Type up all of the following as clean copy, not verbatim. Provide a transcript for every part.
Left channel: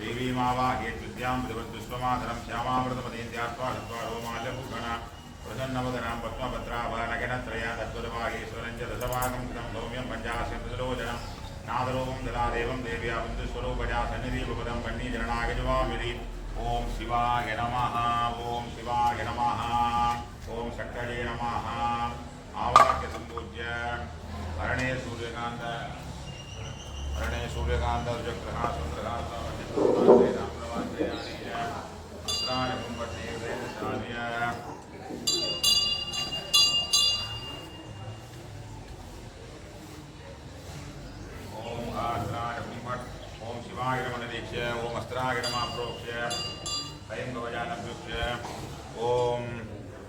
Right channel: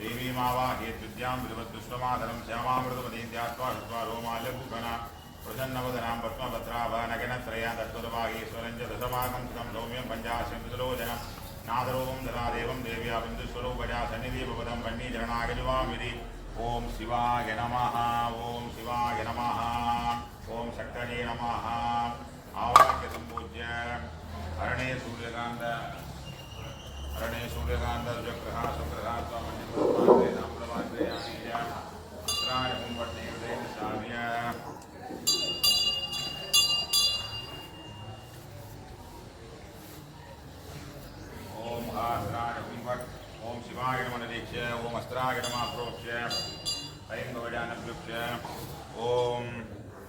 देवी मावाहेत् विद्यां विद्वद्विश्वमाधरं श्यामामृतमतीन्द्यात्वा षट्वा रोमाल्यभूषणा प्रसन्नवदनां पद्मभद्राभनगनत्रया तत्त्वदवागीश्वरं च दशभागं कृतं सौम्यं पञ्चाशं विदरोचनं नादरूपं जलादेवं देव्या बिन्दुस्वरूपजा सन्निधिपदं वह्निचरणागजवामिति ओम शिवाय नमः ओम शिवाय नमः ओम शक्तये नमः आवाक्य संपूज्य अरणे सूर्यकांत चक्रहा चंद्रहा ओम आस्त्राय कुंभट ओम शिवाय मनदीक्ष्य ओम अस्त्राय नमः प्रोक्ष्य ऐंगवजानभ्युक्ष्य ओम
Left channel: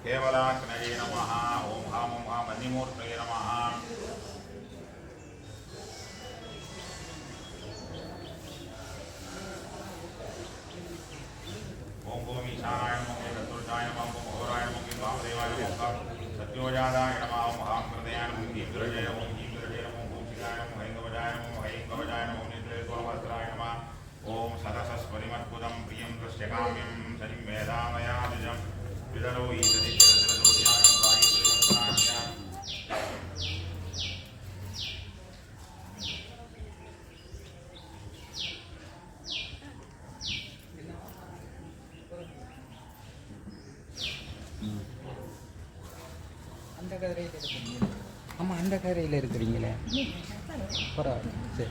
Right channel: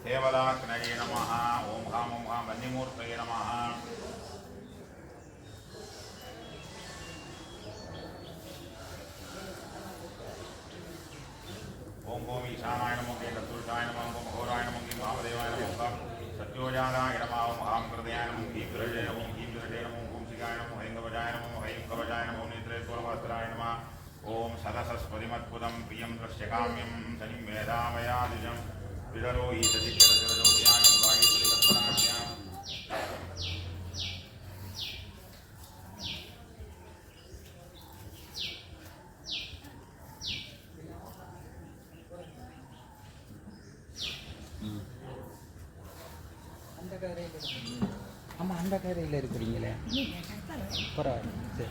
केवलात्मने नमः ओम हां मन्निमूर्तये नमः ओम ईशानाय नमः ओम चतुर्षाय नमः ओम घोराय नमः ओम वामदेवाय नमः सत्योजाताय नमः ओम हां हृदयाय नमः ओम गिरिजय नमः ओम गिरिजय नमः ओम शिवाय नमः ऐंगवजाय नमः ओम ऐंगवजाय नमः ओम निद्रेश्वरवस्त्राय नमः ओम सदसस्परिमत्पुदं प्रियं दृश्यकाम्यं शनिं मेधामयादिजं विदरो ईशदिक्यरजोध्याय वायुश्रीवत्सराय அந்த கரையில் இருக்கிறீங்களா பரவாயில்ல சரி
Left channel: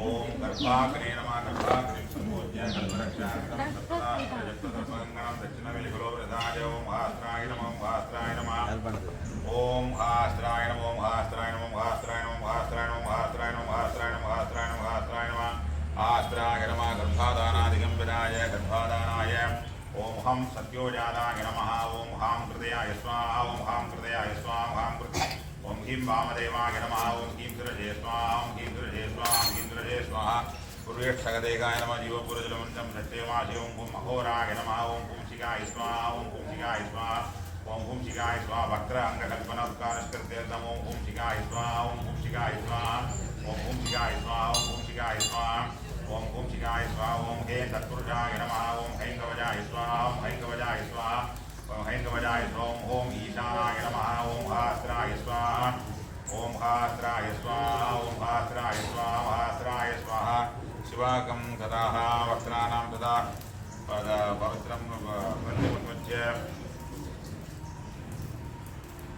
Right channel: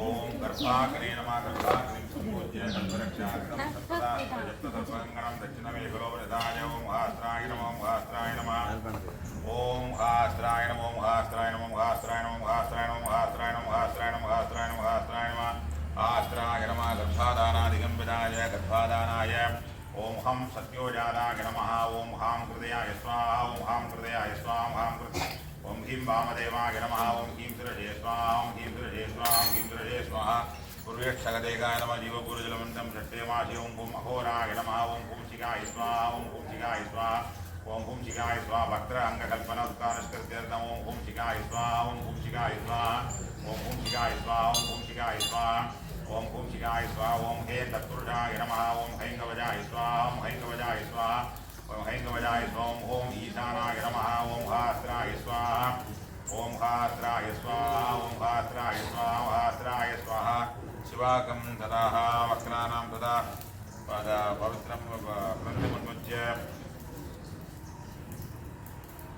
ओम गर्भाग्ने नमः गर्भाग्ने संपूज्य कल्परक्षार्थं सप्तदा प्रजप्तदर्पणं दक्षिणमेघलो वृदाय ओम हास्त्राय नमः ओम हास्त्राय नमः ओम हास्त्राय नमः ओम हास्त्राय नमः ओम हास्त्राय नमः ओम हास्त्राय नमः ओम हास्त्राय नमः ओम हास्त्राय नमः हास्त्राय नमः हास्त्राय नमः आस्त्राय नमः गर्भाधानादिकं विदाय गर्भाधानाय ओम हम सत्योजाताय नमः ओम हां हृदयाय स्वाहा ओम हां हृदयाय स्वाहा ओम हां हृदयाय ओम ह्रीं वामदेवाय नमः ओम ह्रीं शिरसे स्वाहा ओम ह्रीं शिरसे स्वाहा ओम ह्रीं शिरसे स्वाहा पूर्वेक्षगदेगाय नमः जीवपुरजलमन्त्रं षट्टेमासि ओम भूम अघोराय नमः ओम पुंसिकाय स्वाहा ओम पुंसिकाय स्वाहा ओम पुंसिकाय स्वाहा वक्र अंगकल्पनोत्कारस्कृत्यर्थम् ओम पुंसिकाय स्वाहा ओम पुंसिकाय स्वाहा ओम पुंसिकाय स्वाहा ओम पुंसिकाय स्वाहा ओम पुंसिकाय स्वाहा ओम हे तत्पुरुषाय नमः ओम हैंगवजाय स्वाहा ओम हैंगवजाय स्वाहा हैंगवजाय ओम ओम ईशानाय नमः ओम हास्त्राय स्वाहा ओम हास्त्राय स्वाहा ओम हास्त्राय स्वाहा हास्त्राय स्वाहा शिवाकं तदा वक्त्राणां तदा पवित्रं ग्रन्थमुन्मुच्य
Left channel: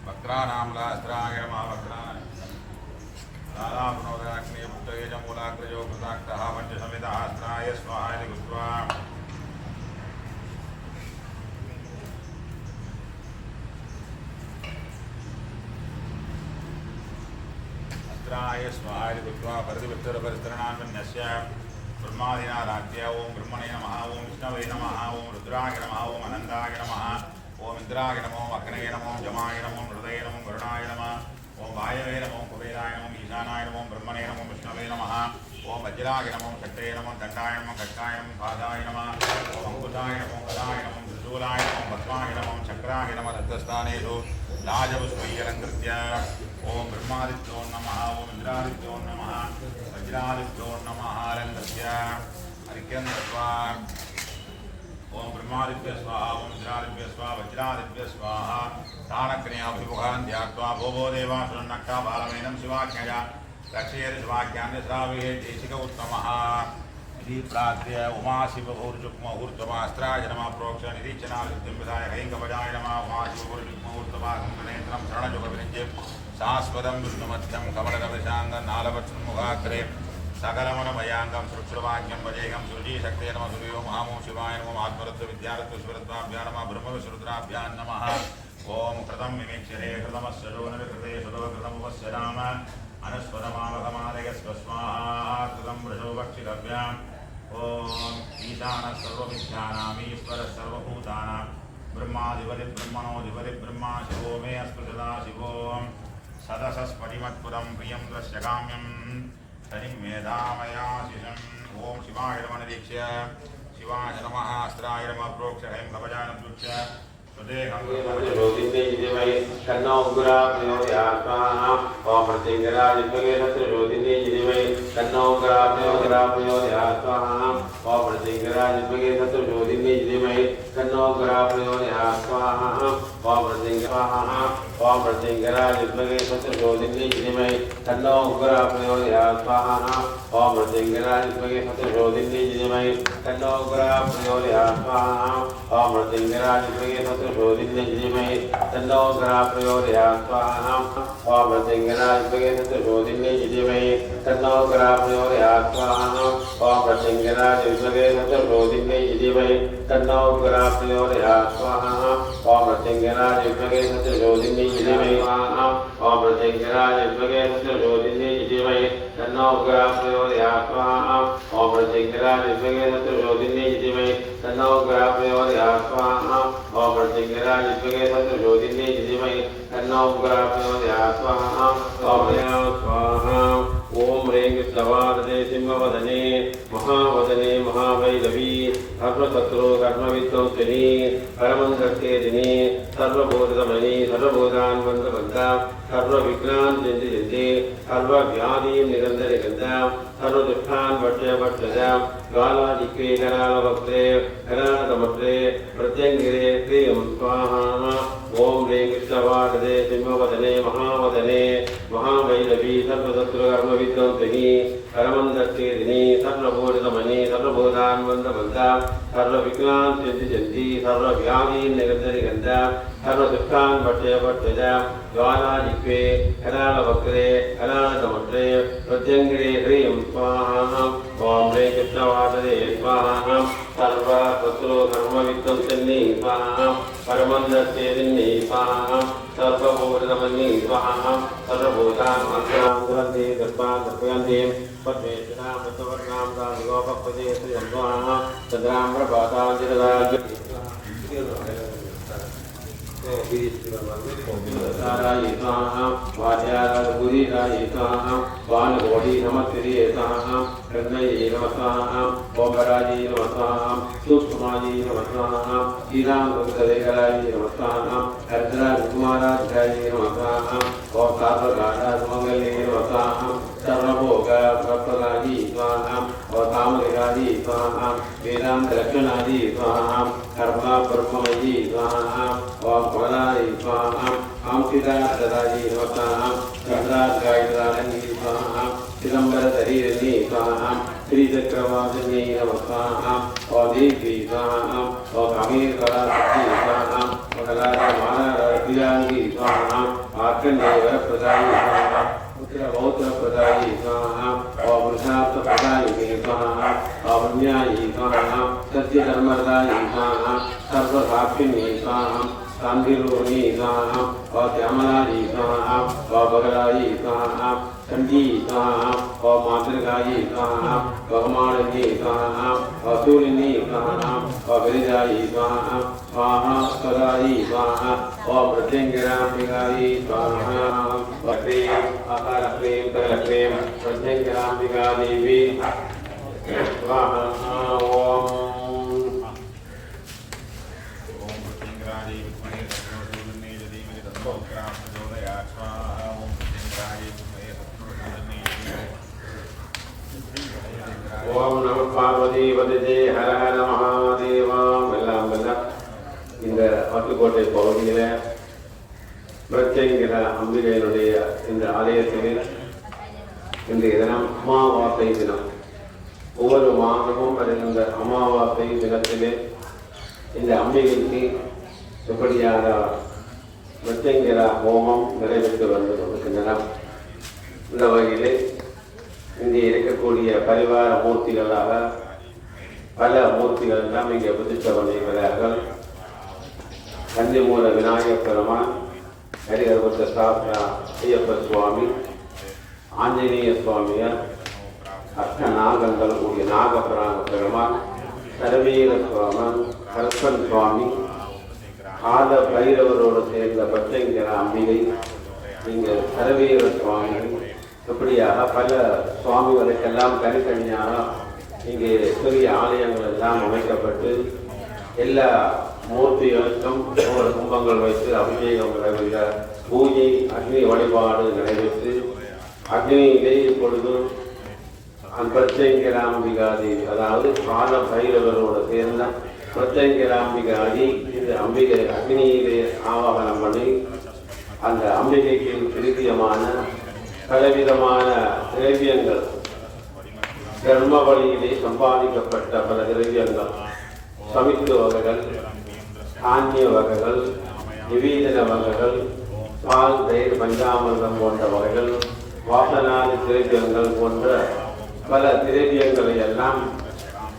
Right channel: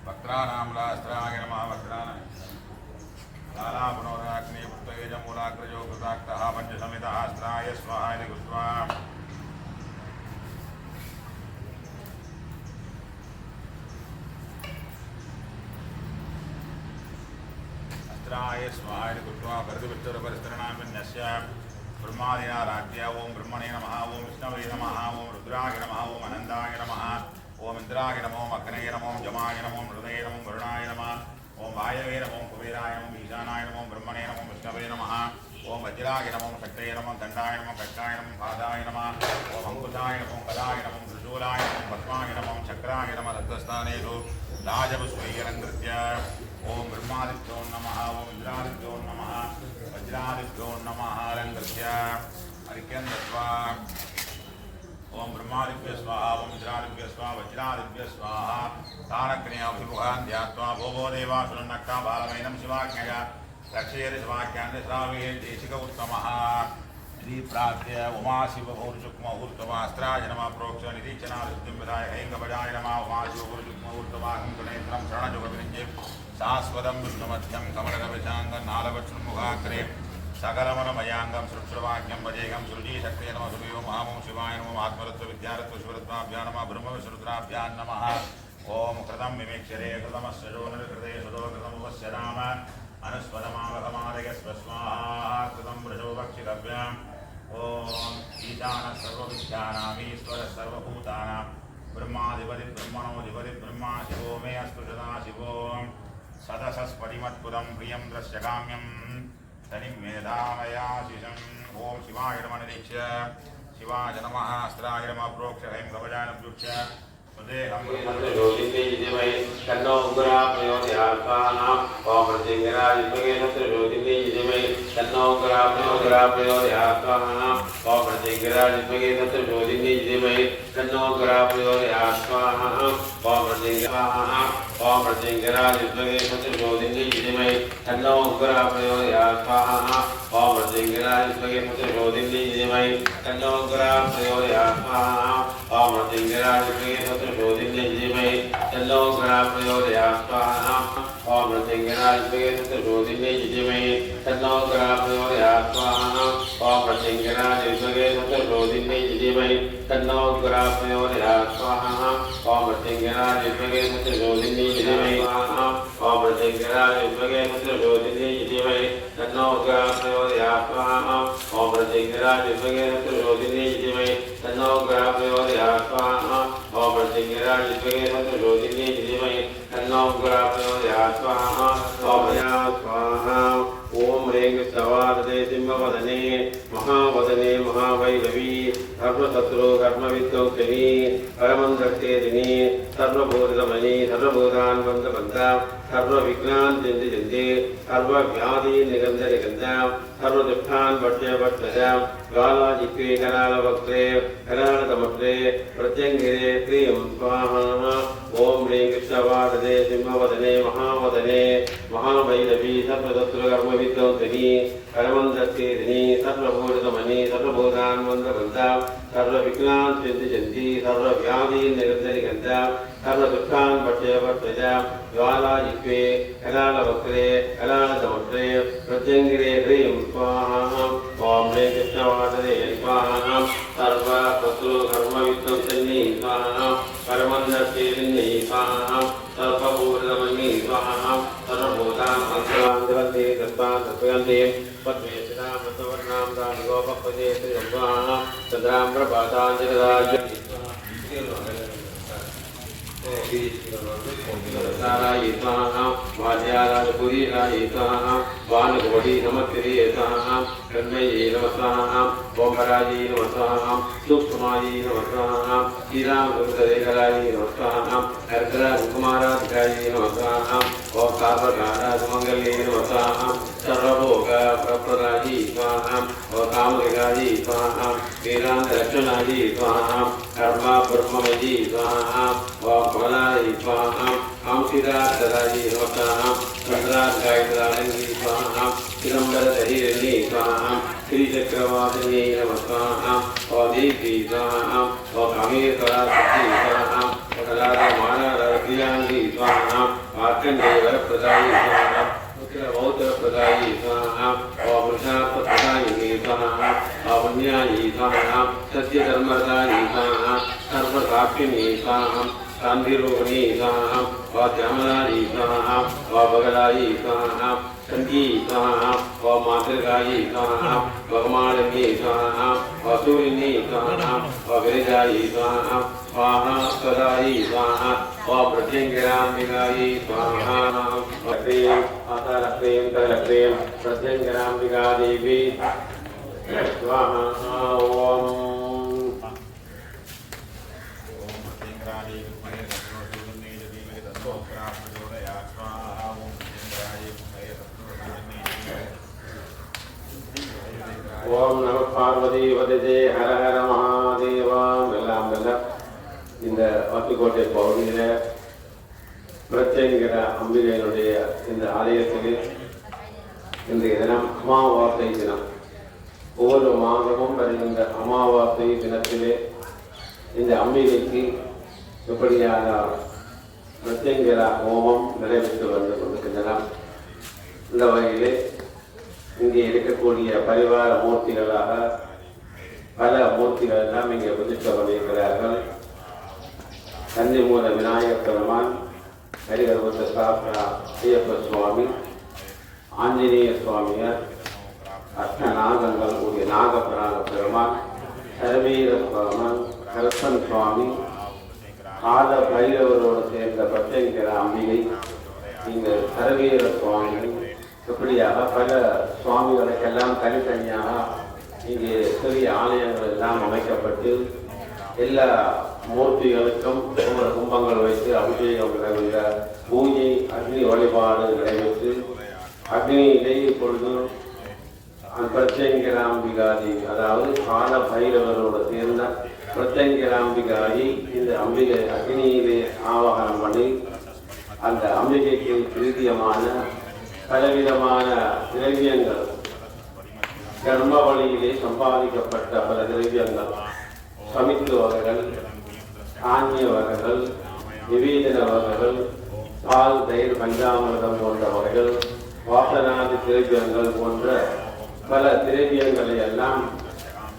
वक्त्राणां लास्त्राय नमः वक्त्राणां लालापनोदराग्ने पुत्तवेजमूलाग्रजो कृताक्तः पञ्चसमितः अस्त्राय स्वाहा इति कृत्वा अस्त्राय स्वाहा इति कृत्वा परिधिविष्टुरपरिस्तरणान्विन्यस्य ब्रह्मादिना राज्ञ ओम ब्रह्मणे नमः ओम विष्णवे नमः ओम रुद्राय नमः ओम अनन्ताय नमः ओम इन्द्राय नमः ओम अग्नये नमः ओम जमाय नमः ओम हृदये नमः वरुणाय नमः ओम वायवे नमः ओम कुबेराय नमः ईशानाय नमः ओम ब्रह्मणे नमः ओम विष्णवे नमः ओम वज्राय नमः ओम शक्तये नमः दण्डाय नमः खड्गाय नमः पादाय नमः ओम अंकुशाय नमः गदाय नमः त्रिशूलाय नमः पद्माय नमः चक्राय नमः रक्तस्थानेषु राजपुष्पैरलङ्कृत्य ओम ब्रह्मादित्यो नमः ओम इंद्रादित्यो नमः वज्रादित्यो नमः अलङ्कृत्य अर्घ्यं दत्त्वा ओम ब्रह्मादित्य स्वाहा ओम इंद्रादित्य स्वाहा वज्रादित्य स्वाहा तारकन्याभिमुखान् ध्यात्वा भोगो देवा सुरन्नक्ता बालमेनं शिवाज्ञया रक्षयेत् शिवाज्ञान् श्रावये देशिक उत्तमः इति प्रार्थ्य उमाशिवभूर्जुग्महूर्तमास्त्राय नमः प्रोक्ष निरीक्षणाविद्युं विधाय हैङ्गवजाय नमः उमाशिवभूर्जुग्महूर्तमाकं प्रणेत्रं शरणजुगविनिज्य शाश्वतं विष्णुमध्यं कमलकविशाङ्गनालवत्सन्मुखाग्रे सकलमनमयाङ्गं सुरक्षवाक्यं वजेगं सुरुचिशक्ते नमः सुरयो महामो शिवाय नमः आत्मरत्वविद्यारत्वशिवरत्वाभ्यां नमः ब्रह्मविष्णुरुद्राभ्यां नमः ओम कृतं मिमिक्षरे कृतमस्य जोनिर्कृते सुतो कृतमुपस्य राम अनुस्वरमावहमादयस्व स्वाहा कृतं वृषो भक्षितव्याम् ओम ईशानः सर्वविद्यानामीश्वरः सर्वभूतानां ब्रह्माधिपतिर्ब्रह्मणोऽधिपतिः ब्रह्मा शिवो मे अस्तु सदा शिवो सदसस्फटिमत्पुरं प्रियं दृश्यकाम्यं शनिं मेधामयाशिषम् ओम शिवाय नमः निरीक्ष्य शिवाय नमः अस्त्राय नमः प्रोक्षय प्रभजाय नमः सुदेहं ज्योतिषे जितिमय तन्नो उग्रा प्रयोदयात्मानां ओम प्रतिग्राज विद्महे तत्र ज्योतिषे जितिमय तन्नो उग्रा प्रयोदयात्मानां ओम प्रतिग्राज विद्महे तत्र ज्योतिषे जितिमय तन्नो उग्रा प्रयोदयात्मानां ओम प्रतिग्राज विद्महे तत्र ज्योतिषे जितिमय तन्नो उग्रा प्रयोदयात्मानां ओम प्रतिग्राज विद्महे तत्र ज्योतिषे जितिमय तन्नो उग्रा प्रयोदयात्मानां ओम प्रतिग्राज विद्महे तत्र ज्योतिषे जितिमय तन्नो उग्रा प्रयोदयात्मानां ओम प्रतिग्राज विद्महे तत्र ज्योतिषे जितिमय तन्नो उग्रा प्रयोदयात्मानां ओम प्रतिग्राज विद्महे तत्र ज्योतिषे जितिमय तन्नो उग्रा प्रयोदयात्मानां ओम प्रतिग्राज विद्महे तत्र ज्योतिषे जितिमय ओम प्रतिग्राज विद्महे तत्र ज्योतिषे जितिमय तन्नो उग्रा प्रयोदयात्मानां ओम प्रतिग्राज विद्महे तत्र ज्योतिषे जितिमय तन्नो उग्रा प्रयोदयात्मानां ओम प्रतिग्राज विद्महे तत्र ज्योतिषे जितिमय तन्नो उग्रा प्रयोदयात्मानां ओम स्वाहा ओम ह्रीं सवादने सिंहवदने महावदने महावैरवी सर्वशत्रु कर्मविध्वंसिनी परमन्दर्तेदिनी सर्वभूतमयी सर्वभूतान्वन्तबन्धा सर्वविघ्नान् चिन्तयन्ति सर्वव्याधीन् निरन्तरिगन्धा सर्वदुःखान् वर्षवर्षजा ज्वालाजिह्वे करालवक्त्रे करालतमत्रे प्रत्यङ्गिरे क्रियं स्वाहा ओम ह्रीं कृष्णवादने सिंहवदने महावदने महाभैरवी सर्वशत्रुकर्मविध्वंसिनी परमन्दर्तेदिनी सर्वभूतमयी सर्वभूतान्वन्तबन्धा सर्वविघ्नान् चिन्तयन्ति सर्वव्याधीन् निरन्तरिगन्धा सर्वदुःखान् वर्षवर्षजा ज्वालाजिह्वे करालवक्त्रे करालतमत्रे प्रत्यङ्गिरे ह्रीं स्वाहा ओम ह्रीं कृष्णवादने स्वाहा सर्वशत्रुकर्मविध्वंसिनी स्वाहा परमन्दर्तेदिनी स्वाहा सर्वभूतमयी स्वाहा सर्वभूतान् अन्तरान्तरन्ति तस्मात् तत्त्वयन्ति पद्मेश्वरां वसवर्णां दानुगोपपदे श्रियं स्वाहा चन्द्रां प्रभातां जगदाज्य साराय स्वाहा वाद्याराजपुरीराय स्वाहा वानगोडी नमस्ते स्वाहा कन्मये नमः स्वाहा ओमराजे नमः स्वाहा सूक्ष्माये नमः स्वाहा श्रीरामकृष्णदेवराय नमः स्वाहा अर्धराजकुमाराध्याये नमः स्वाहा ओम सर्वगाढासुमङ्गले नमः स्वाहा सर्वभोगप्रदायी स्वाहा और कामरिकायी स्वाहा वेदान्तरक्षणायी स्वाहा कर्म ब्रह्ममयी स्वाहा ओम कमलायै स्वाहा अंशिदार्थदायी नमः स्वाहा चन्द्रार्गायित्राणङ्गी स्वाहा चिदम्बरधरीरण्ये स्वाहा श्रीचक्रवासिन्ये नमः स्वाहा और देवी स्वाहा और कामेश्वरासिद्धि स्वाहा और कलामानप्रियाङ्गी स्वाहा मार्कण्डेयवरप्रदायी स्वाहा पुत्रबौद्धप्रदायी स्वाहा और पुरुषार्थप्रदायिनी स्वाहा और पुण्यायी स्वाहा सत्यधर्मदायी स्वाहा सर्वसाक्षिणी स्वाहा शान्तिरूपिणी स्वाहा और श्यामलायी स्वाहा और बगलायी स्वाहा संगी स्वाहा और मातृकायी स्वाहा भगमाणिनी स्वाहा और सूर्यनी स्वाहा और गिरिजायी स्वाहा स्वाहा स्वदायी स्वाहा और प्रत्यङ्गिराम्बिकायी स्वाहा क्लीं अतलक्लीं तलक्लीं प्रत्यङ्गिराम्बिका देवी स्वाहा ओम ஓம் நம பார்வதி வதே ஹர ஹர மகாதேவா. எல்லாம் வல்ல இந்த பட்டுக்கோட்டை பகுதியில் பிரத்யங்கிற அம்பிகையினுடைய இந்த ஆலயத்தில் இன்றைய தினம் அமாவாசை தினம். ஒவ்வொரு மாதமும் வருகின்ற அமாவாசை தினத்திலே இந்த அம்பிகைக்கு எப்படியாக பிரத்யங்கிற ஹோமம் நிறைவேற்று வந்து கொண்டிருக்கின்றன. இந்த வகையிலே இங்கே இருக்கக்கூடிய பரிவார மூர்த்திகளாக பல மூர்த்திகள் எல்லாம் இங்கே பிரதிஷ்டை பண்ணியிருக்கிறார்கள். கன்னிமூல விநாயகப் பெருமான், ஹரிகர்வத்த சாஸ்திரா ஐயப்ப சுவாமி, ஆஞ்சநேய சுவாமியார், அஷ்ட நாகங்கள் கூடிய நாகபராக பெருமான், சரவீர சுவாமன், கல்பன் சுவாமி, கால பைரவரோடு சேர்ந்த பிரத்யங்கிற அம்பிகை, இங்கு சரவீர சுவாமி, இப்படியாக பல சுவாமிகளுக்கெல்லாம் தனித்தனியாக இங்கே சிறிய ஆலயங்கள் எல்லாம் அமைக்கப்பட்டு எல்லா மூர்த்திகளுக்கும் ஒவ்வொரு கும்பங்கள் வைத்து அபிஷேகம் நிறைவேற்ற பூஜை அக்னி வழிபாடு நிறைவேற்று அக்னியிலே இப்பொழுது பிரத்யங்கிராம்பிகாதி அதாவது கால பைரவரோடு சேர்ந்த பிரத்யங்கிராம்பிகாதி இந்த அம்பிகை அக்னியிலே ஆவாகனம் பண்ணி அந்த அம்பிகைக்கு பிரித்தியமான பலவிதமான திரவியங்கள் தர்ம வழியிலே சம்பாதிக்கப்பட்ட பல திரவியங்கள் சமித்து வகைகள் தானிய வகைகள் நிவேதன வகைகள் பால் தயிர் பஞ்சாமிர்தம் போன்ற வகைகள் வாசனாதி திரவியங்கள் போன்ற பல திரவியங்களை எல்லாம்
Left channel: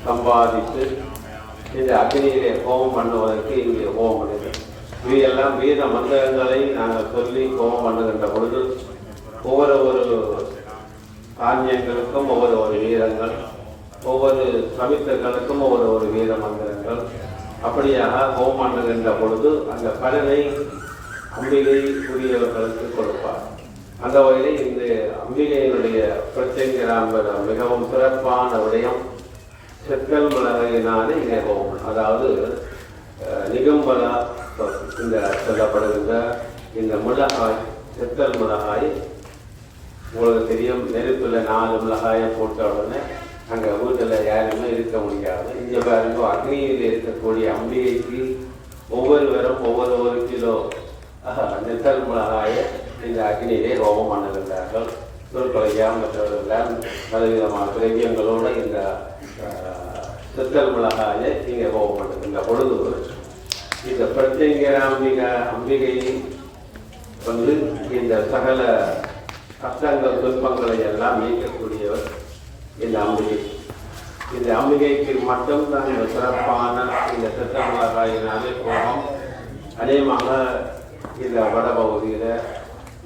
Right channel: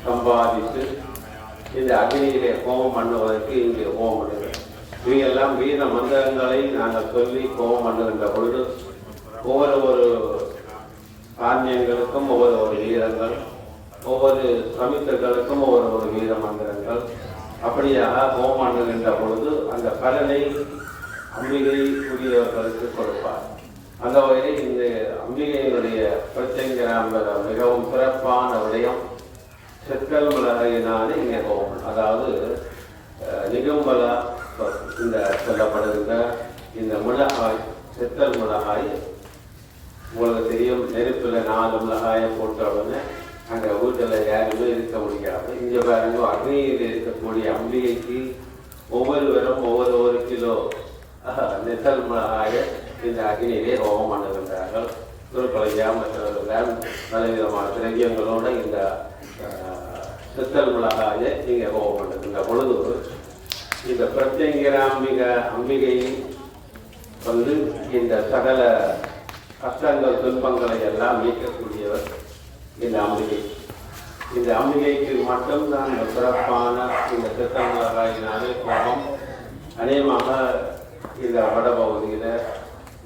சம்பாதித்து இந்த அக்னியிலே ஹோமம் பண்ணுவதற்கு இங்கே ஹோமம் பண்ணுங்கள். இவையெல்லாம் வேத மந்திரங்களை நாங்கள் சொல்லி ஹோமம் பண்ணுகின்ற பொழுது ஒவ்வொரு தானியங்களுக்கும் ஒவ்வொரு வீரங்கள், ஒவ்வொரு சமித்தர்களுக்கும் ஒவ்வொரு வீர மந்திரங்கள், அப்படியாக ஹோமம் பண்ணுகின்ற பொழுது அந்த பலனை அம்பிகை உரியவர்களுக்கு கொடுப்பார். அந்த வகையில் இந்த அம்பிகையினுடைய பிரத்யங்கிராம்பர் மிகவும் சிறப்பான விடயம் செத்தல் மிளகாயினாலே இங்கே ஹோமம், அதாவது நிகம்பல இந்த சொல்லப்படுகின்ற இந்த மிளகாய் செத்தல் மிளகாய் உங்களுக்கு தெரியும். நெருப்பில் 4 மிளகாயை போட்ட உடனே அங்கே வீட்டில் யாருமே இருக்க முடியாது. இங்கே பாருங்க அக்னியில் இருக்கக்கூடிய அம்பிகைக்கு ஒவ்வொருவரும் ஒவ்வொரு கிலோ நெத்தல் மிளகாயை இந்த அக்னியிலே ஹோமம் பண்ணுகின்றார்கள். திருப்பலையாம் மற்றவர்கள் பலவிதமான திரவியங்களோடு இந்த செத்தல் மிளகாயை இங்கே ஹோமம் பண்ணுகின்ற பொழுது இந்த அம்பிகை வந்து இந்த சகல கஷ்டங்கள் துன்பங்களை எல்லாம் நீக்கக்கூடியவர் இந்த அம்பிகை. இந்த அம்பிகைக்கு மட்டும்தான் இந்த சிறப்பான இந்த செத்தல் மிளகாயினாலே ஹோமம் அநேகமாக இந்த வடபகுதியில்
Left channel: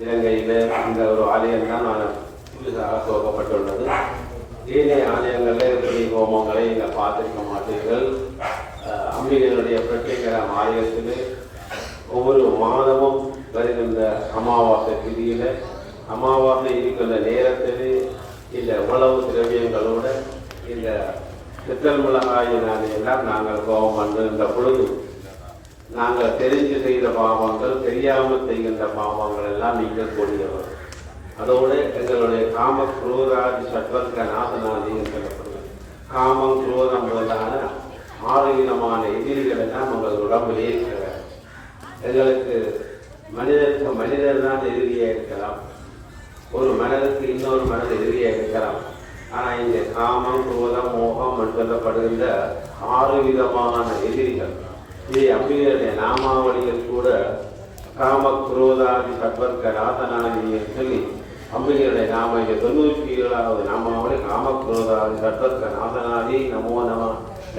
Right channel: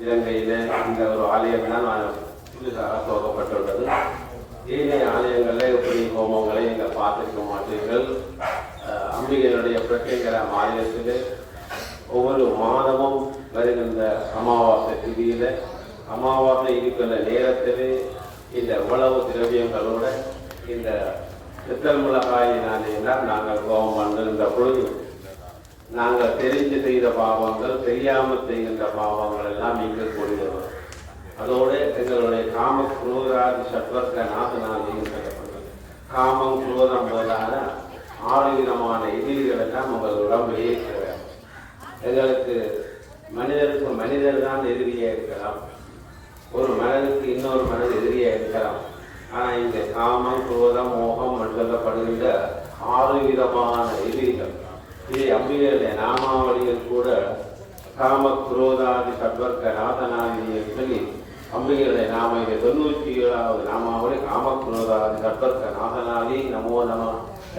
இலங்கையில் இந்த ஒரு ஆலயம்தான் புதிதாக துவக்கப்பட்டுள்ளது. ஏனைய ஆலயங்களில் இப்படி ஹோமங்களை நீங்கள் பார்த்திருக்க மாட்டீர்கள். அம்பிகைகளுடைய பிரத்யேகம் ஆலயத்தில் ஒவ்வொரு மாதமும் வருகின்ற அமாவாசை திதியில் அமாவாசை இருக்கிற நேரத்தில் இந்த உணவு திரவியங்களோட இந்த செத்தல் மிளகாயினாலே எல்லாம் நாங்கள் ஹோமம் பண்ணுகின்ற பொழுது நாங்கள் தெரிஞ்சு செய்த பாவங்கள், தெரியாமல் செய்கின்ற பாவங்கள் எல்லாம் நீங்கக்கூடியவர். அதோடு எங்களுடைய காம குரோதாதி சட்வர்க்க நாசனாதி சொல்லப்படுகிறது. காமம் குரோதம் போதான 6 விதமான எதிரிகள் எல்லாம் உங்கள் உடம்பிலே இருக்கிறார். எங்களுக்கு மனிதருக்கு மனிதர் தான் எதிரியாக இருக்கலாம், ஒரு மனதுக்கு இன்னொரு மனது எதிரியாக இருக்கலாம். ஆனால் இந்த காமம் குரோதம் மோகம் சொல்லப்படுகின்ற 6 விதமான எதிரிகள். இதை அம்பிகையுடைய நாமாவளியில் கூட காம குரோதாதி சட்வர்க்க நாதனாதி சொல்லி அம்பிகையுடைய நாம 97வது நாமாவளி காம குரோதாதி சட்வர்க்க நாதனாதி நமோ நம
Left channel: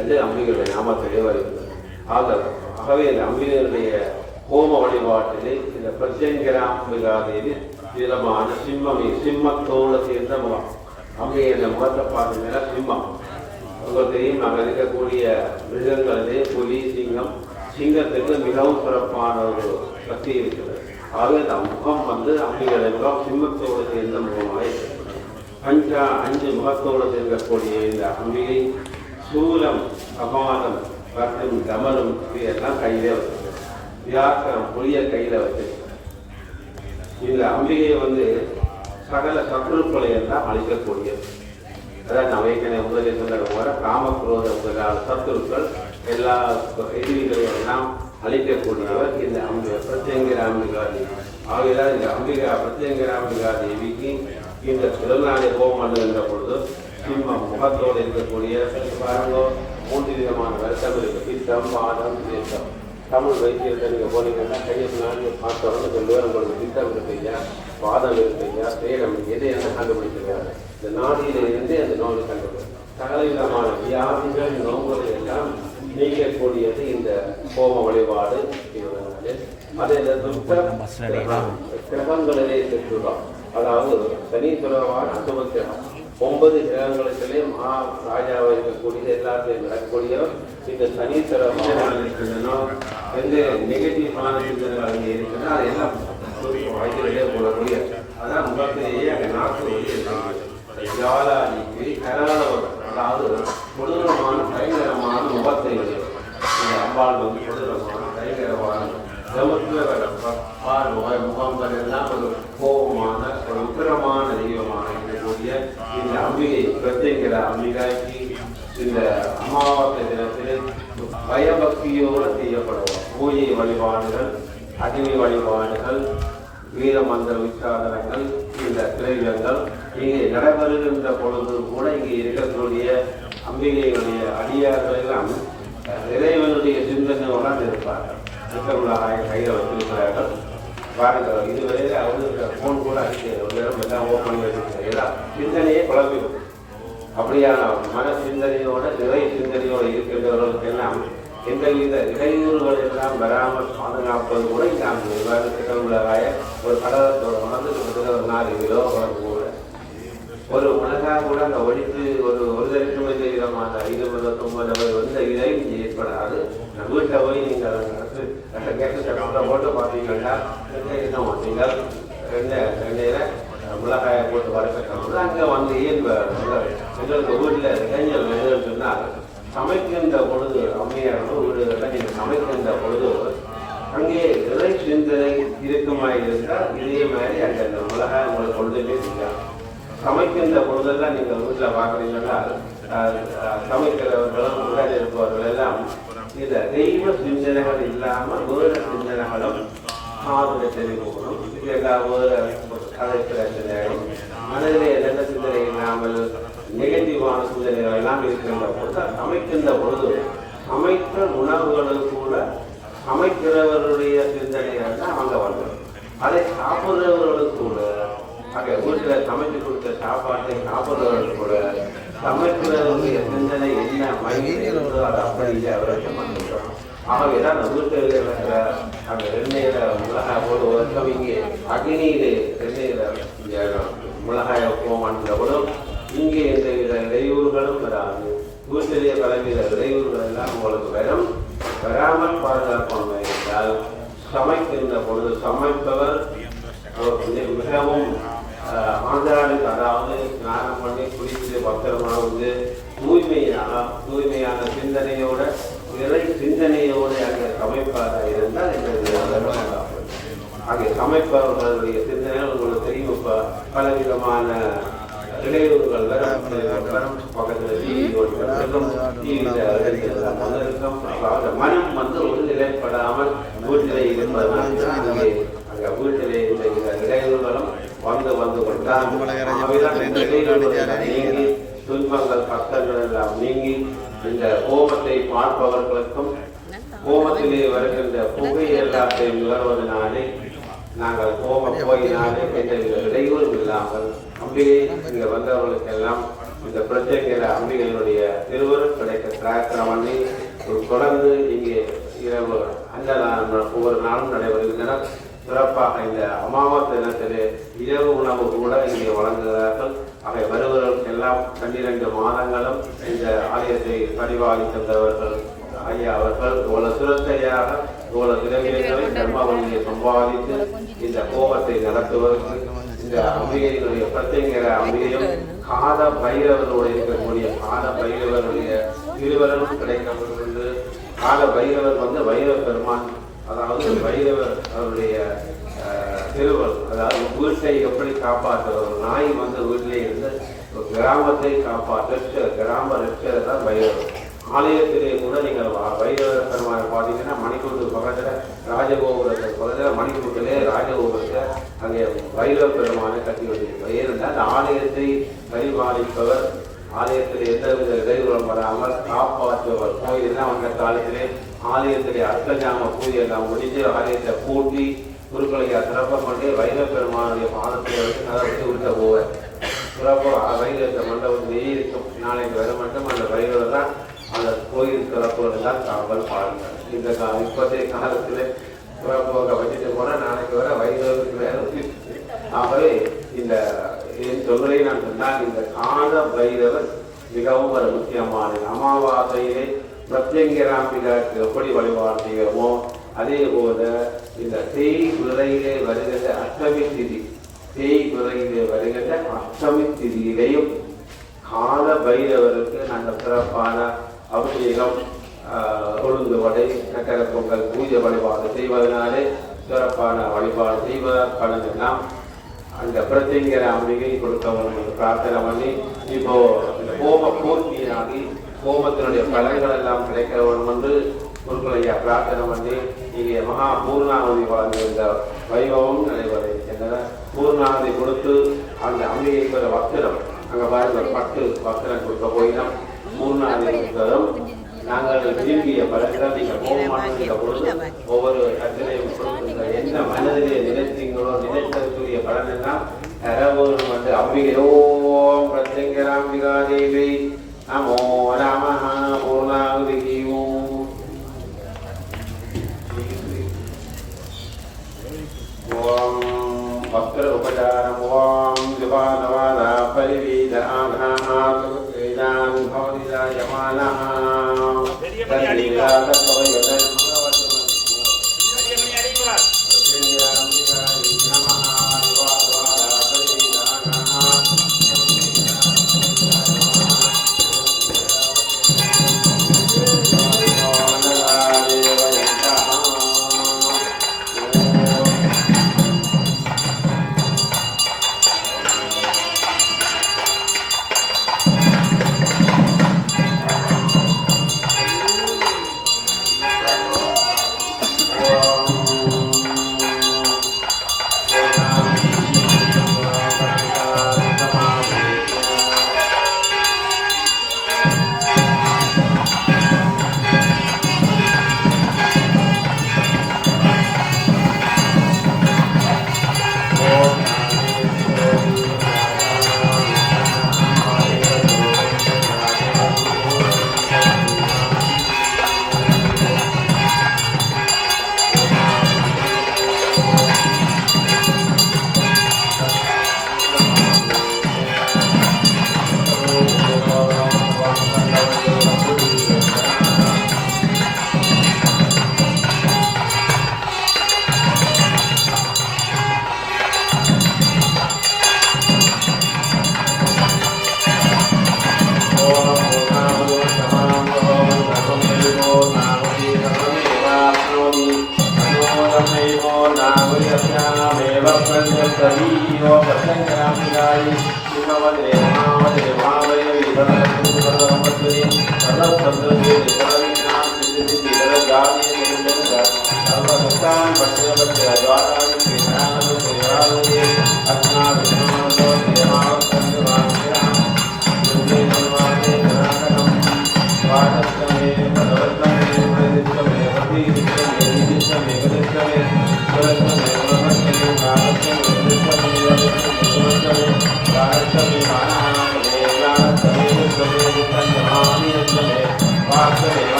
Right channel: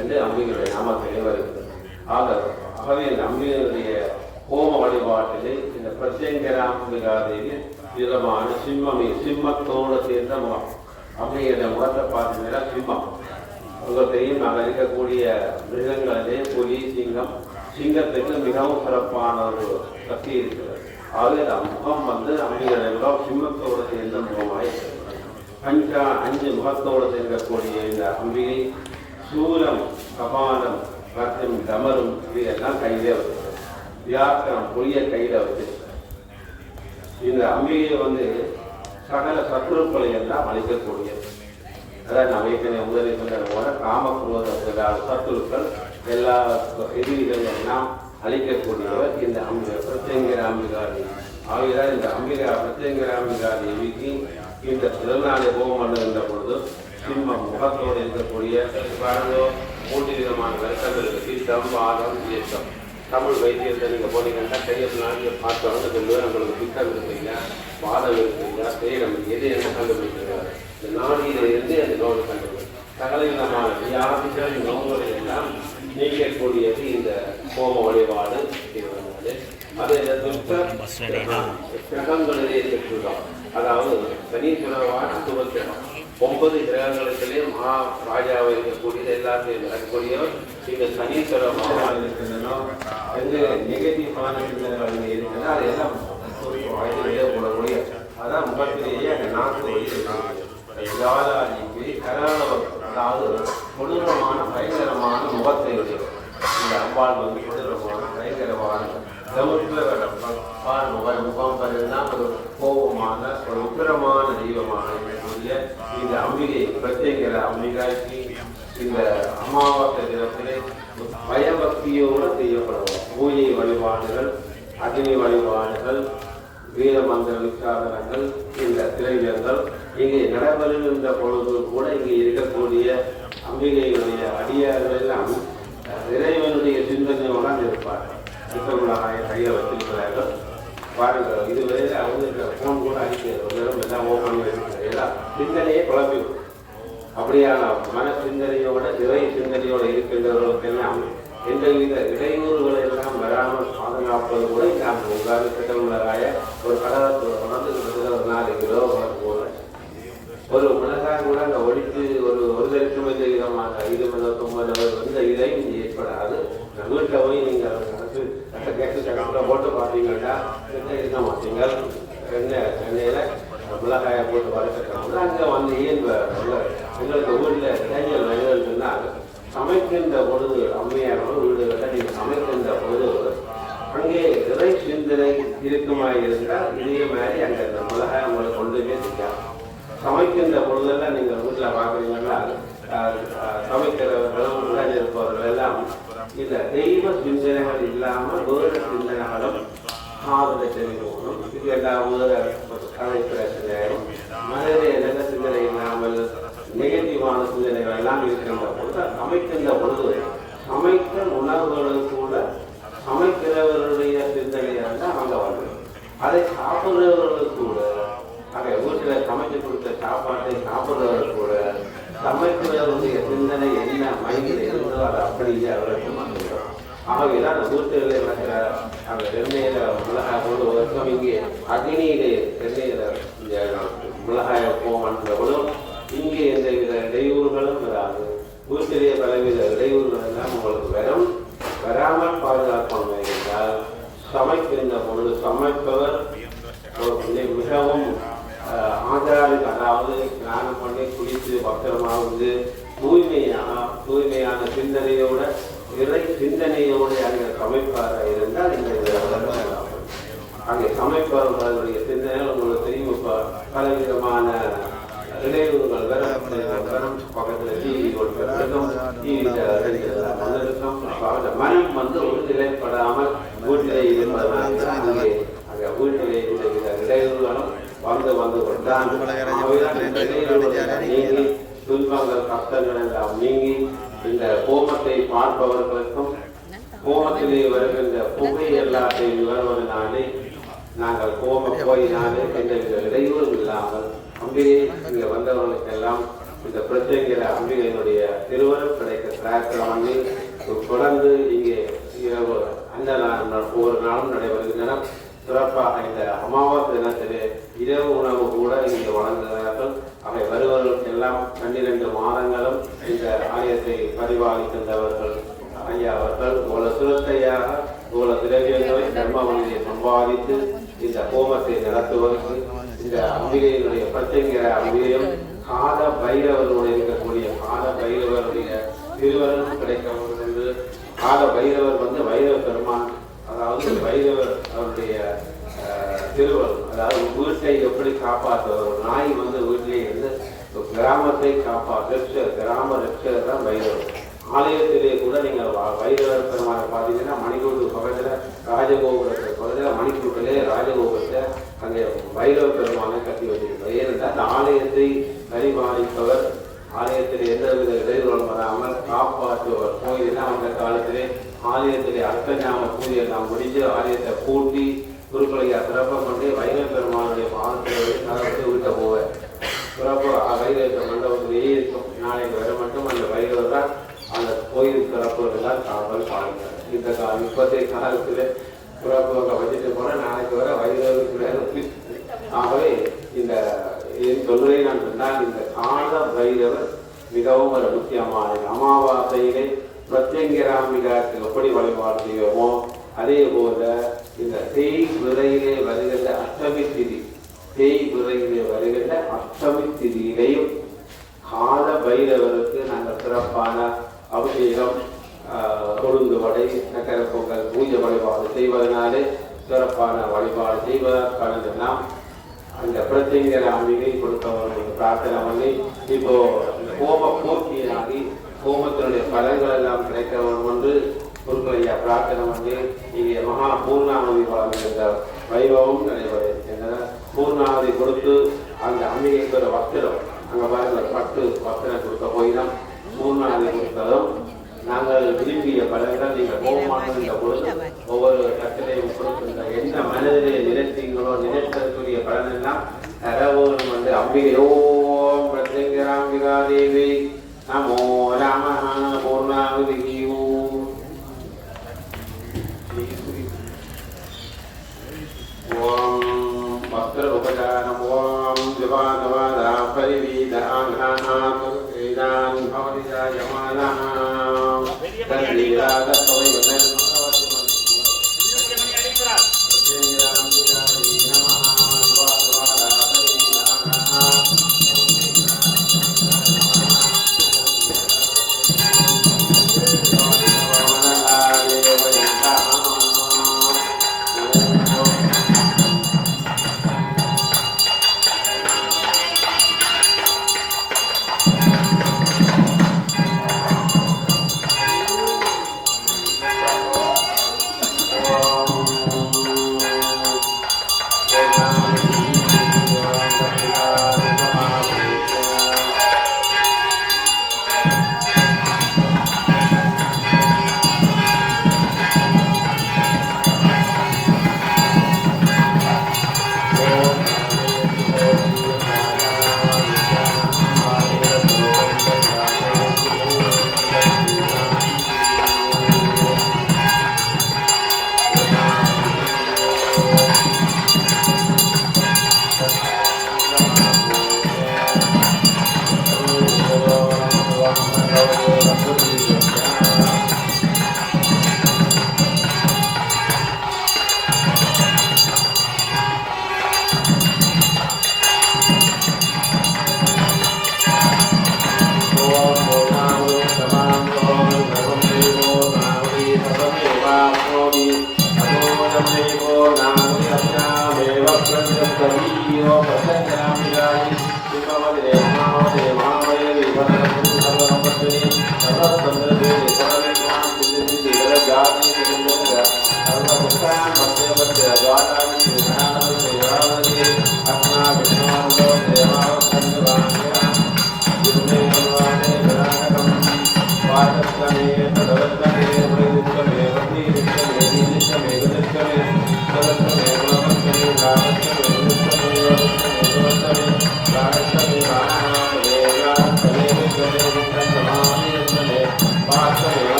என்று அம்பிகையுடைய நாமத்திலே வருகிறது. ஆகவே இந்த அம்பிகையுடைய ஹோம வழிபாட்டிலே இந்த பிரத்யங்கிராம்பிகாதேவி விதமான சிம்மத்தோடு சேர்ந்த முகம். அம்பிகையுடைய முகத்தை பார்த்தீங்கன்னா சிம்மம். உங்களுக்கு தெரியும், அங்கே இருக்கக்கூடிய மிருகங்களிலே புலி, சிங்கம். சிங்கத்துக்கு மிகவும் சிறப்பான ஒரு சக்தி இருக்கிறது. ஆகவே இந்த முகம் வந்து அம்பிகையுடைய முகம் சிம்மத்தோடு சேர்ந்த முகமாக இருக்கிறது. 5 முகத்தோடு சேர்க்கக்கூடிய இந்த அம்பிகை சூலம், கபாலம் மற்றும் கமலும் இதையெல்லாம் கையிலே வச்சிருக்கிறது. வியாக்கரம் புளிய கையில் வச்சிருக்கிறது. இந்த அம்பிகை வந்து சகல சத்துருக்களை எல்லாம் அழிக்கக்கூடியது. அதாவது நம்ம ஏற்கனவே முதலில் சொன்னது போல காமக்ரோத முதலான சத்துருக்கள் எல்லா எதிரிகளை எல்லாம் அழிக்கக்கூடியவர் இந்த பிரத்யங்கிராம்பிகா தேவி. ஆகையால் இந்த பிரத்யங்கிராம்பிகா தேவிக்கு இந்த திருநாளை ஹோமம் பண்ணுகின்ற பொழுது சிம்மம் முகத்தோடு இருக்கக்கூடிய 3 விதமான வருஷம் இருக்கு. பித்தம், பாதம், ஏற்றம். தமிழ் வைத்தியத்தை நீங்கள் போனீங்கன்னா கையில் நாளில் பார்த்தோன்னு சொல்லுவேன், உங்களுக்கு பித்தம் இருக்குங்க, பாதம் இருக்குங்க, பேரம் எது என்ன கண்டுபிடிச்சிருக்காரு. இந்த நாடியில இருந்து அந்த நோய் கண்டுபிடிக்கும். சகல விதமான வியாதிகள் நோய்களை எல்லாம் நீக்கக்கூடியது இந்த ஹோம வழிபாடு. அதே கிரகங்களிலே செற்றுள்ளோம். அதாவது சனீஸ்வரவான சுபக்கிரகம் 9 கிரகங்களுக்குள்ளே மகாராஜாவை இருக்கக்கூடியது எல்லாத்தையும் வரக்கூடியவர் இந்த சனீஸ்வர பகவான் இருக்கின்றனோ எந்த நெகட்டிவான சிந்தனைகள் அங்கே இருக்குன்னா அது எல்லாம் வாய்க்கிலே போடக்கூடிய. அதான் முகத்திலேயே அங்கே நாட்டு வழி ஜாலாதி கராளவர் அதாவது கொடூரமான பயங்கரமான முகத்தை உடையவர். இந்த அம்பாள் வந்து கொடூரமான பயங்கரமான முகம் பெறலாம் ஒரு கோபமான ஒரு உக்கிரமான தெய்வமான இந்த அம்பிகை பிரத்யேகிற அம்பிகாய்க்கு இந்த அமாவாசை தினத்திலே பயபக்தியோடு செய்யப்படுவோம். பூஜை வழிபாடுகள், அக்னி வழிபாடுகள், வீரமந்திர உச்சாரணங்கள், இந்த திரைகள் இங்கே நடைபெறுகின்ற பொழுது கூட இங்கே இருக்கக்கூடிய அம்பிகையுடைய அடியார்கள் எல்லாம் இறைவனுடைய சிந்தனையோடு இருப்பார்கள். கையில் வச்சிருக்கிறார்கள். பாருங்கள், இதுவரை அவங்க ஃபோன் கூட அடிக்கிறது எல்லாம் ஓப்பன் வச்சிருக்கிறார்கள். சிந்தனையே குழப்பிடும். அப்படியான மன சிந்தனையோட இறை சிந்தனையோடு இருக்கின்றவர்களுக்கு எல்லாம் எந்தவித இடையூறுகள் எல்லாம் வராமல் பாதுகாப்பது கூட இந்த உதாரணத்துக்கு உள்ளதாய ஒரு கடலத்தோட வளர்ந்து கிட்டத்தட்ட ஒரு 4 கிலோ கூட ஒரு மிளகாய் கூட அந்த ஒழித்து ஒரு லட்சம் விதமான 29 வந்து இதை ஏற்படாது. வீட்டில் போய் நீங்கள் அதை கேட்டு சட்டத்தில் போட்டு பார்த்தீங்கன்னா இருக்க மாட்டீங்க. எண்ணெயில் மிளகாயை போட்டு வளர்க்கணும். அங்கே வந்து எங்களுக்கு வீட்டில் இளைஞர் வேணும்னு சொன்னால் சமைக்கின்ற பொழுது அம்மையாரோட வீடுகளில் நீங்கள் சமைக்கின்ற பொழுது அங்கே இறை சிந்தனை இருக்குமா இருந்தால் இதே மாதிரி அங்கே அந்த மிளகாய் உங்களை கொண்டுமே செய்யாது. சமைக்கின்ற பொழுதெல்லாம் நீங்கள் வீட்டில் பார்க்குறீங்கன்னா சமைக்கிறவர்களும் உடன் இருப்பவர்கள் எல்லாம் இல்லை தெய்வ சிந்தனைகள் இல்லாமல் வேறு சிந்தனைகளும் காதலை தெரிவிக்கணும். இது எல்லாம் வேறு கலை பிரச்சனைகளும் மனதிலே நல்ல சிந்தனை இல்லாமல் நெகட்டிவான சிந்தனைகள் எல்லாம் இருக்கின்ற பொழுது சமைக்கின்ற பொழுது சமைத்த உணவுகளுக்கு கூட சமைக்கிறவர்களுடைய சிந்தனைகள் தான் அங்கே வந்துடும். அதை சாப்பிட்றவர்களுக்கு கூட ஆக வீட்டில் சமைச்சு கொடுத்த சாப்பாட்டை சாப்பிட்றவர்கள் கூட சமைக்கிறவருடைய சிந்தனை என்ன மைண்டில் இருந்தோ அதை அப்படியே அவருக்கு வந்துவிடும். ஆகவேதான் அந்த வீட்டில் இருக்கிற அந்த எண்ணெயில் மிளகாய் போது ஒரு இங்கே அக்னியிலே எண்ணெயில் மிளகாயை போன்ற இங்கே எந்தவித இடையூறுகளும் வராது. வீட்டிலேயே பலவித இடையூறுகள் எல்லாம் உங்களுக்கு வராமல் பாதுகாப்பாக இருந்தால் சமைக்கின்ற பொழுது சமைப்பவர் மிகவும் ஆதாரம், அதாவது ஸ்நானம் பண்ணி குளித்து பத்திரமாக வந்து தூய்மையான சிந்தனையோட இறை சிந்தனையோடு அங்கே சமைப்பாராக இருந்தால் இந்த அங்கே சமைப்பவர்களுடைய சிந்தனை உங்களுக்கு தெரியும். பலவிதமான இடையூறுகள் பக்கத்தில் மனம் வந்து ஒரு நிலைப்படாமல் வீட்டிலே இருப்பதனால வீட்டிலே இந்த இடையூறுகளும் வந்து நீங்கி துன்பங்கள் கஷ்டங்கள் எல்லாம் நீங்கி இந்த கோபத்தை பார்ப்பவர்களுக்கும் கோபத்திலே வருகின்ற புகை எல்லாத்தையும் வருவதனாலே நாங்கள் கோபம் போயினாலே எந்தவித இடையூறும் இல்லாமல் அம்பிகை இங்கே வந்தவர்களுக்கெல்லாம் இந்த பிரத்யேக அம்பிகையினுடைய திருவருள் கிடைக்க பிரார்த்தனை பண்ணி தொடர்ந்து இங்கே இரவு அந்த ஒவ்வொரு நாளும் நடைபெறுகின்றன. சிறப்பாக இந்த அமாவாசை தினத்திலே இரவு உணவு கூட இங்கே வழங்குகிறார்கள். அவை வருவதற்கெல்லாம் 12 மாதங்களும் இந்த ஆலயத்தை பரிபாலிக்கின்றவர்கள் ஐயா அவர்கள் இவ்வளவு சுரத்தையாக இவ்வளவு திரவியங்களை தர்மவழியை சம்பாதித்து இந்த கோபத்தை நடத்துவதற்கு இந்த அம்பிகையினுடைய பிரத்யேக அம்பிகையும் காத பைரவரோடு இருக்கக்கூடிய காத பைரவருடைய திருவரனும் கிடைக்க வேண்டும் என்று காத பைரவர் வந்து வைரவ பெருமான், அதாவது வைரவர் அவருடைய திருவள், அதாவது வீட்டை எப்படி காப்பாற்றுவார். நாய் வந்து வீட்டிலே இருந்து கிராமத்தை காப்பாற்ற கிராம ரட்சகர் தான் வைரவர். ஆலயத்திலே கூட நீங்கள் வைரவ பெருமானை பார்த்தீங்கன்னா மணிக்கூட்டு பக்கத்தில் ராஜகோபுரத்தை பக்கத்தில் மணிக்கூட்டிலே ராஜகோபுரத்தை அங்கே வைரவ பெருமானை கட்டி வச்சிருக்கிறார். ஏனென்றால் அந்த ஆலயத்தை பரிபாலிப்பவர், ஆலயத்தில் எந்தவித இடையூறும் வராமல் காப்பாற்றுவர். கோயிலாம் அந்த காலத்திலே ஆலயத்திலே அர்த்தஞாம பூஜை எல்லாம் முடிஞ்சு ஆலயத்தை பூட்டி குருக்களையா சிறப்பம் பண்ணி வைரவ பெருமானுடைய பாதத்தில் கதவை விட்ட போவார். சிறப்பாக வைரவ மண்டபத்திலேயே இருக்கும். நாளைக்கு வர மட்டும் அந்த வைரவர் தான் அந்த கோயில் சிறப்புகள் காவல் பாருங்கள். இந்த இப்போதைய காலத்தில் சிறப்பாக வச்சுட்டு போனால் நாளைக்கு வர வைரவருக்கு வேலை. ஆகவே இந்த சொல்வதை நான் சொன்னால் இந்த கால பைரவர் மிகவும் ஒரு முக்கியமானது. அமாவாசையிலே பிரத்யங்கிராம்பிகாக்கு எப்படி வழிபாடு செய்வோமோ அதே போல இந்த தேய் விரையிலே வருகின்ற அஷ்டமி திதி, தேய் விரையிலே வருகின்ற அஷ்டமி திதியிலேயும் கால பைரவருக்கு நாங்கள் சிறப்பான அபிஷேகம் கொழுந்து வடை சக்கரை பொங்கல் பூஜை வழிபாடு செய்வதனாலே சிறப்பான வழிபாடு செய்வதற்கானதெல்லாம் அந்த பிரத்யேகர அம்பிகை கொடுத்தவர்களுக்கு பிரார்த்தனை பண்ணி இப்போ இந்த ஹோம பூர்த்தியாகி ஹோமத்தினுடைய பலன்கள் எல்லாம் கிடைக்க வேண்டும் என்று குருக்களையா பிரார்த்தனை பண்ணி இங்கே மகா பூர்ணாவதி வழங்குகின்ற வைபவம் நடைபெறுகின்றன. பூர்ணாவதி கொடுத்து அந்த அம்பிகைக்கு ஒரு வஸ்திரம் அங்கே பாருங்க பட்டு வஸ்திரம் கொடுக்க போயினோம். பூர்ணாவதி கொடுத்ததும் நாங்கள் விரும்பிய பலன்கள் நீங்கள் போக மாட்டோங்கிற பொழுது ஒவ்வொரு கட்டளையும் கொடுக்கின்ற எந்த மனதிலே நினைத்தீங்களோ நினைத்ததற்குரிய பலன் எல்லாம் தரவோரும் வந்து அம்பிகையோம் பிரத்யங்கராம்பிகா தேவி நமோ நம பூர்ணாவதி ஓம் ஓம் வஸ்திர உபச்சாரம் ஓம் ஜபாதவாதா பரிவீத ஆங்காநாத் வேதான் பவதிதாயமானஹ தத்ரீராத கவைவதன்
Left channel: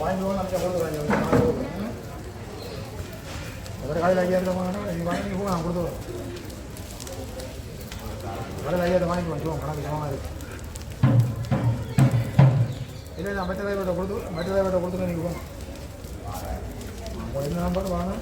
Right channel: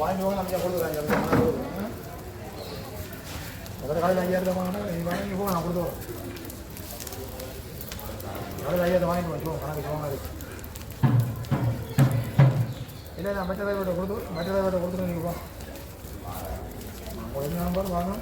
வாங்கிக்குவோம் நம்ம கொடுத்துருவாங்க ஒரு காலையில் 5000 வாங்கினா நீங்கள் வாங்கி போங்க நான் கொடுத்துருவோம் காலையில் 5000 வாங்கிக்குவோம் சொல்லுவோம் கணக்கு போங்க இருக்கு இல்லை நான் மற்ற டிரைவர்கிட்ட கொடுத்துட்டு நீங்கள் போங்க கொஞ்சம் நம்பர் வாங்க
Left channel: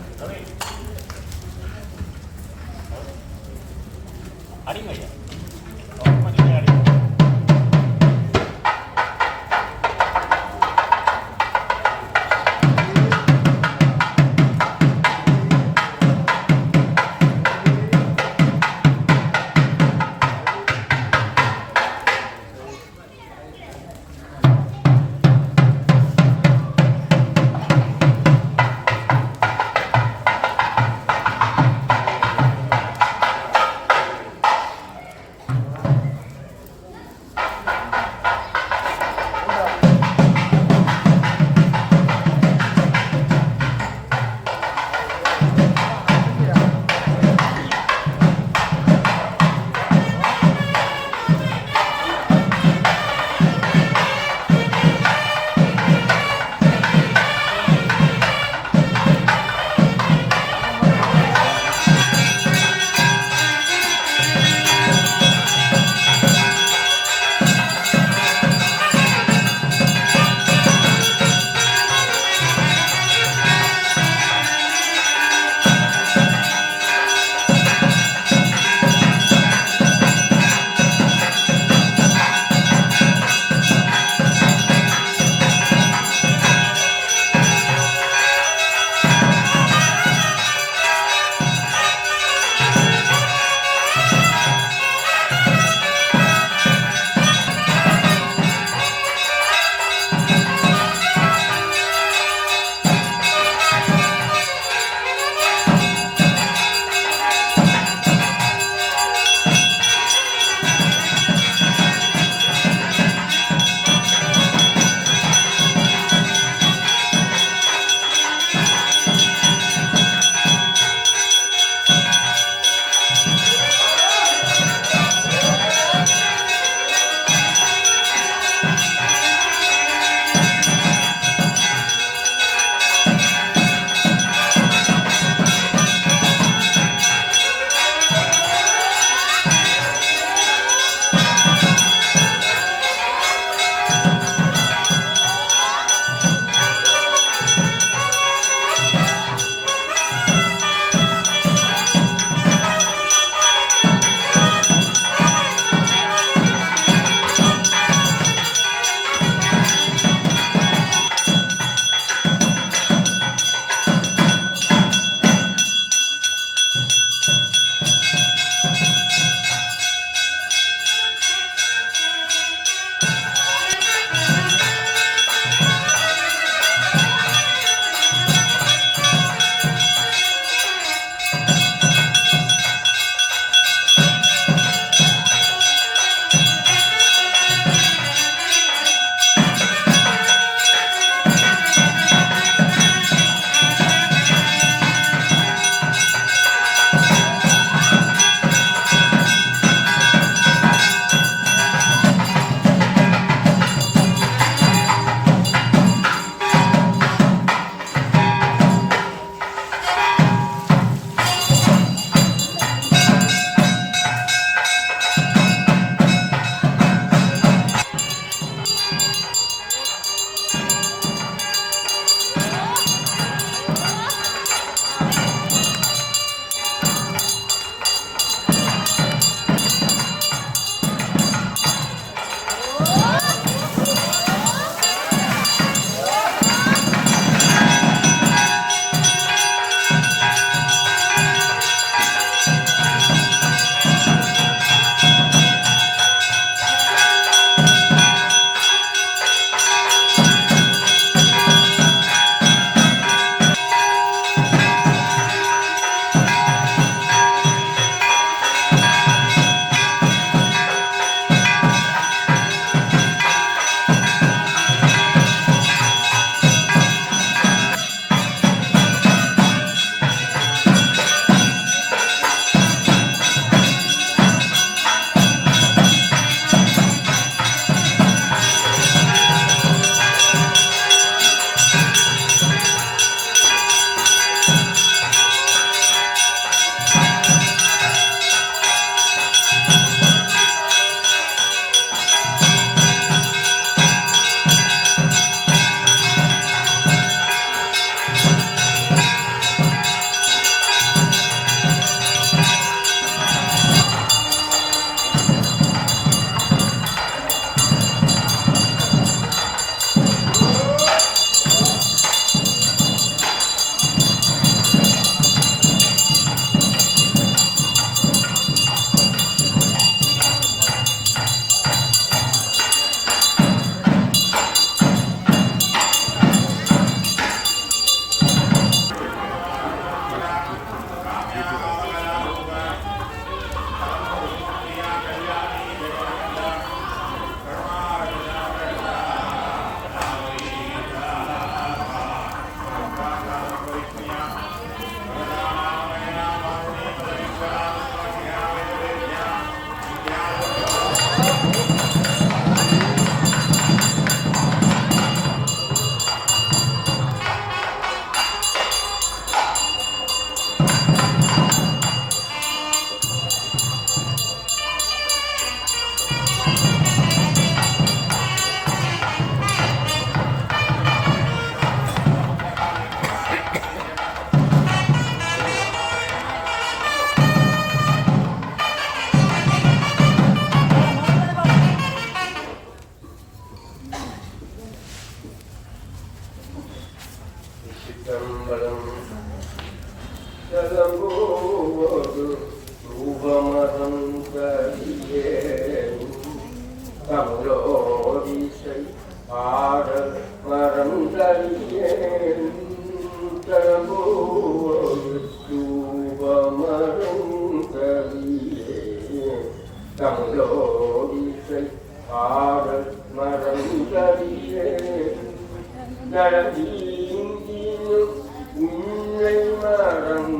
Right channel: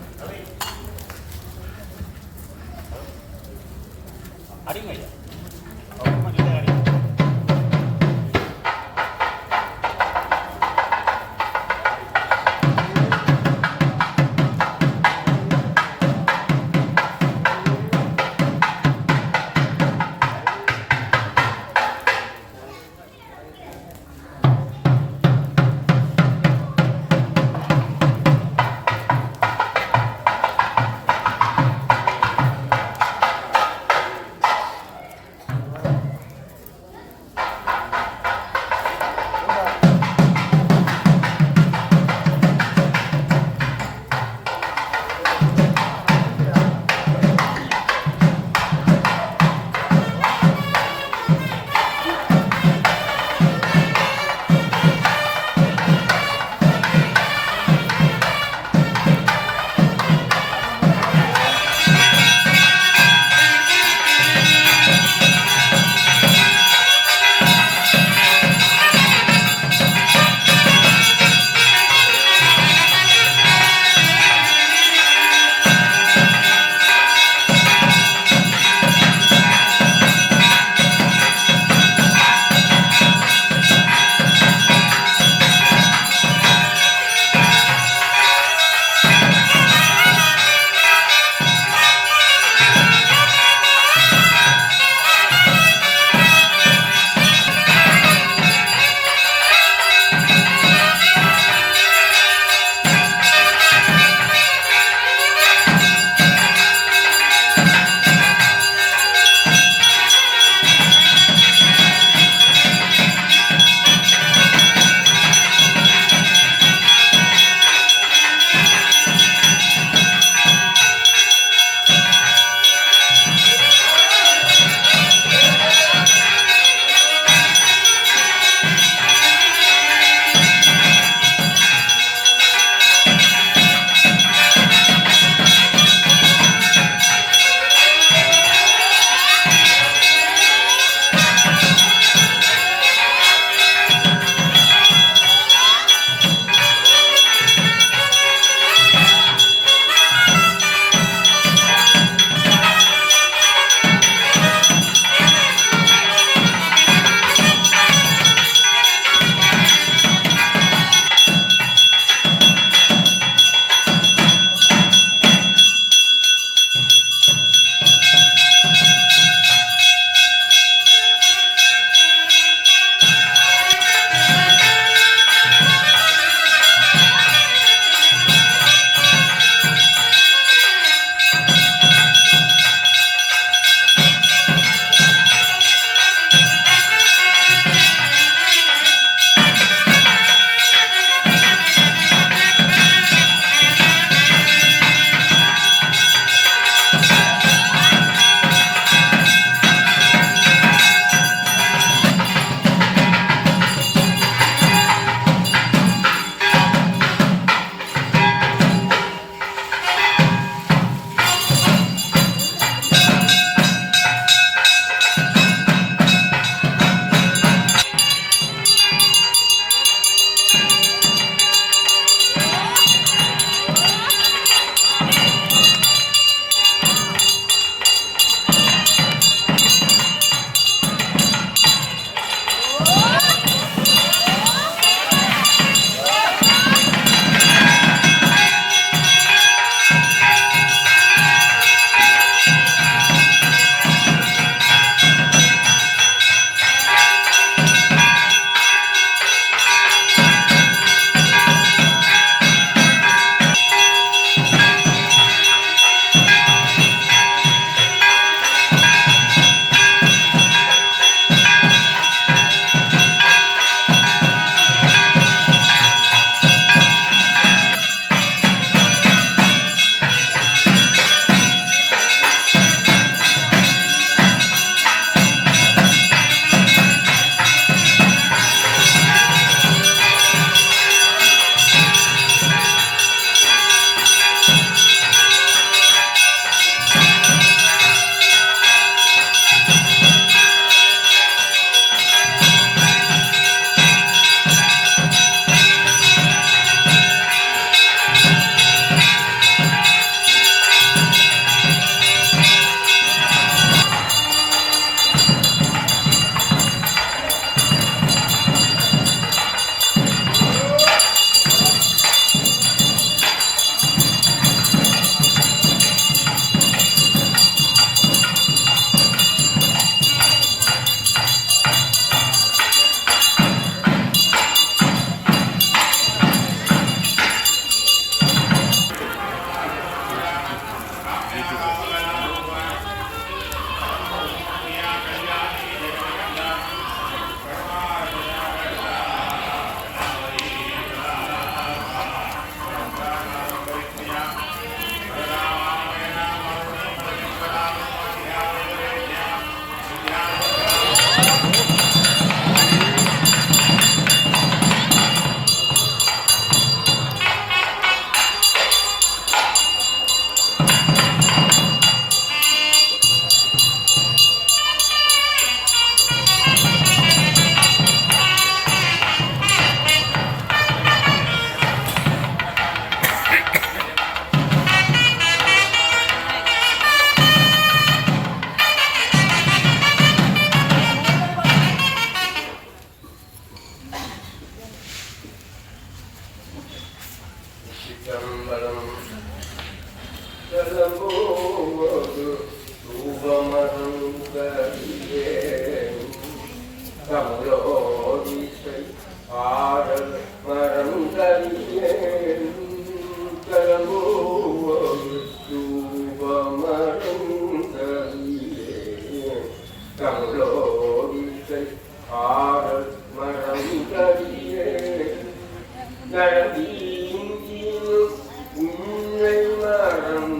சிற்றம்பலம் செல்லம்போது ரூபமரம் கரியே தமிழோதிசை ஆடல் மரம் கரியேன் செல்லம்போது ரூபமரம் கரியேன் தமிழோதிசை ஆடல் மரம் கரியேன் உன்னை மரம்